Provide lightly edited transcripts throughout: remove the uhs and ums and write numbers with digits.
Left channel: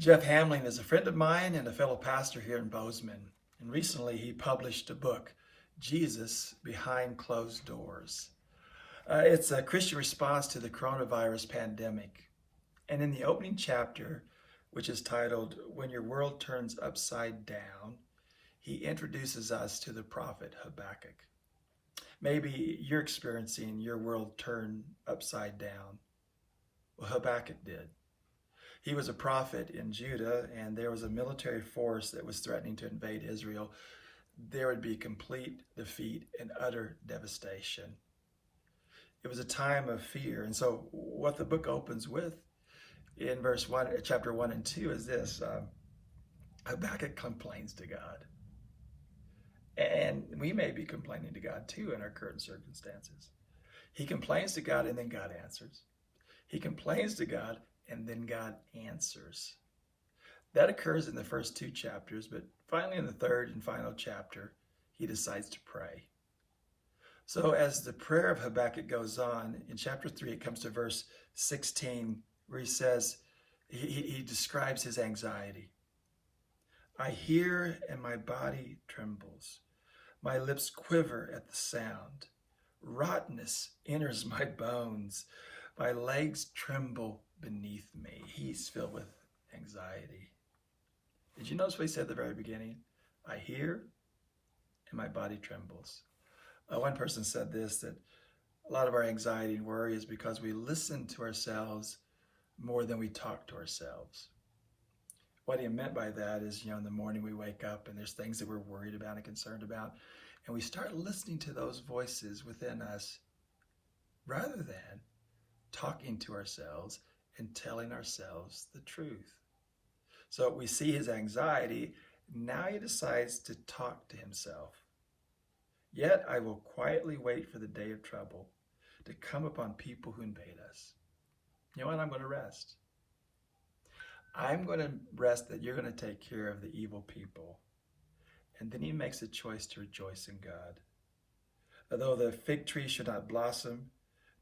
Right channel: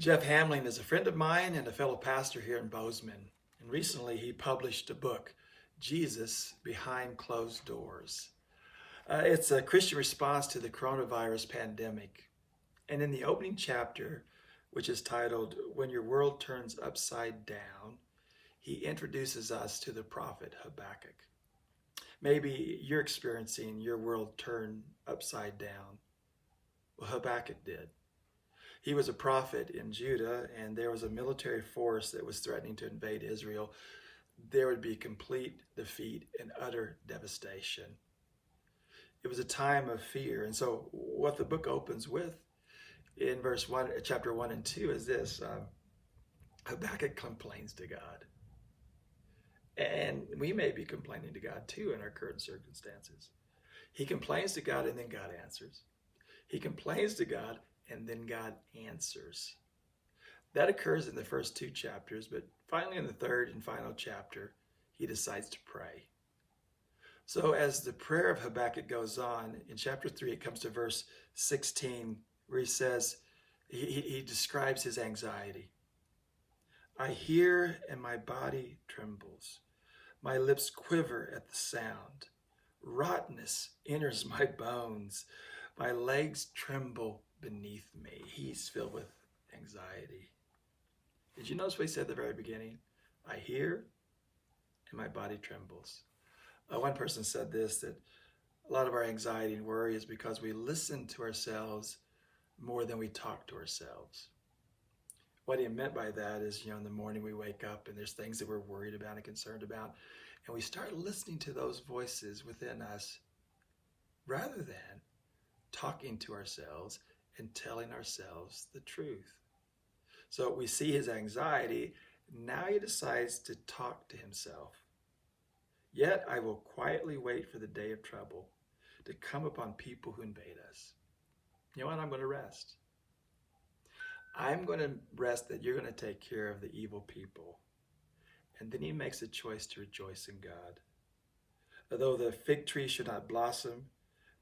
Jeff Hamling is a friend of mine and a fellow pastor here in Bozeman. And recently he published a book, Jesus Behind Closed Doors. It's a Christian response to the coronavirus pandemic. And in the opening chapter, which is titled, When Your World Turns Upside Down, he introduces us to the prophet Habakkuk. Maybe you're experiencing your world turned upside down. Well, Habakkuk did. He was a prophet in Judah, and there was a military force that was threatening to invade Israel. There would be complete defeat and utter devastation. It was a time of fear. And so what the book opens with in chapter 1 and 2 is this. Habakkuk complains to God. And we may be complaining to God too in our current circumstances. He complains to God and then God answers. He complains to God and then God answers. That occurs in the first 2 chapters, but finally in the third and final chapter, he decides to pray. So as the prayer of Habakkuk goes on, in chapter 3, it comes to verse 16, where he says, he describes his anxiety. I hear and my body trembles. My lips quiver at the sound. Rottenness enters my bones. My legs tremble beneath me. He's filled with anxiety. Did you notice what he said at the very beginning? I hear and my body trembles. One person said this, that a lot of our anxiety and worry is because we listen to ourselves more than we talk to ourselves. What he meant by that is, in the morning we wake up and there's things that we're worried about and concerned about, and we start listening to those voices within us rather than talking to ourselves and telling ourselves the truth. So we see his anxiety. Now he decides to talk to himself. Yet I will quietly wait for the day of trouble to come upon people who invade us. You know what? I'm going to rest. I'm going to rest that you're going to take care of the evil people. And then he makes a choice to rejoice in God. Although the fig tree should not blossom,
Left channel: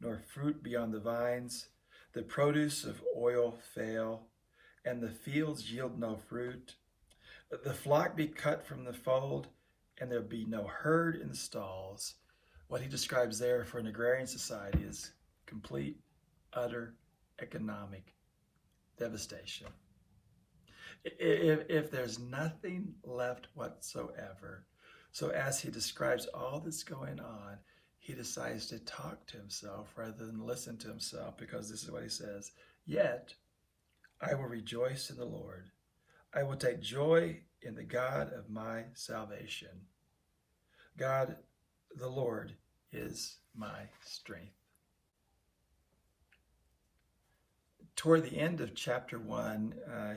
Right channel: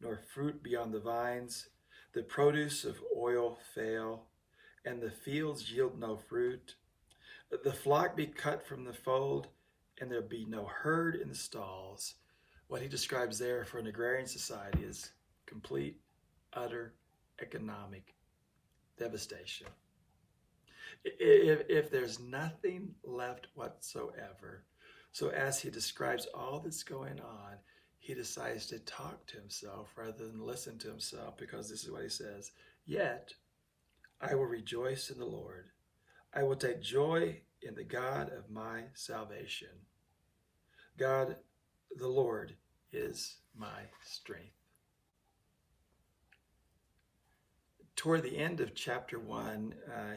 nor fruit be on the vines, the produce of oil fail, and the fields yield no fruit, the flock be cut from the fold, and there be no herd in the stalls. What he describes there for an agrarian society is complete, utter economic devastation. If there's nothing left whatsoever, so as he describes all that's going on, he decides to talk to himself rather than listen to himself, because this is what he says, yet I will rejoice in the Lord. I will take joy in the God of my salvation. God, the Lord, is my strength. Toward the end of chapter 1,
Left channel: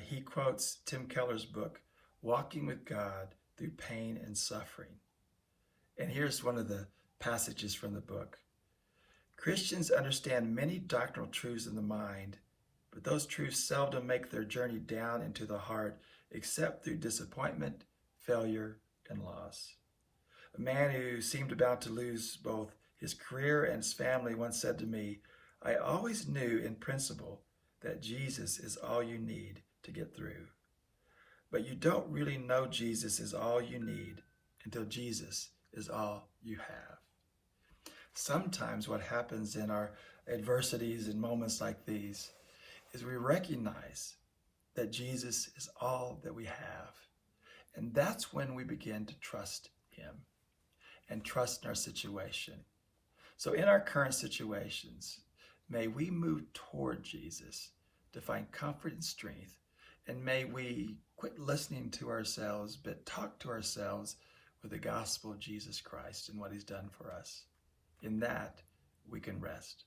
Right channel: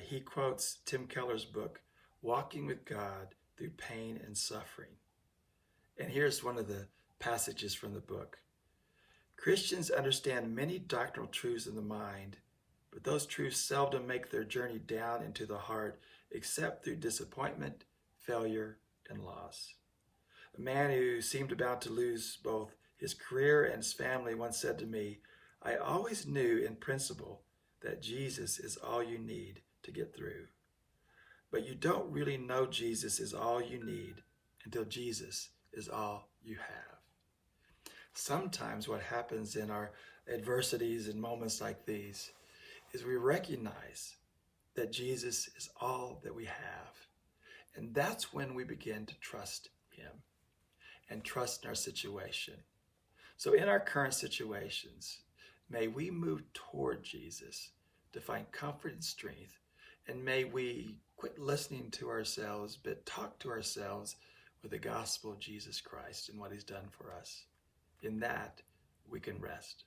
he quotes Tim Keller's book, Walking with God Through Pain and Suffering. And here's one of the passages from the book. Christians understand many doctrinal truths in the mind, but those truths seldom make their journey down into the heart except through disappointment, failure, and loss. A man who seemed about to lose both his career and his family once said to me, I always knew in principle that Jesus is all you need to get through. But you don't really know Jesus is all you need until Jesus is all you have. Sometimes what happens in our adversities and moments like these is we recognize that Jesus is all that we have. And that's when we begin to trust him and trust in our situation. So in our current situations, may we move toward Jesus to find comfort and strength. And may we quit listening to ourselves, but talk to ourselves with the gospel of Jesus Christ and what he's done for us. In that, we can rest.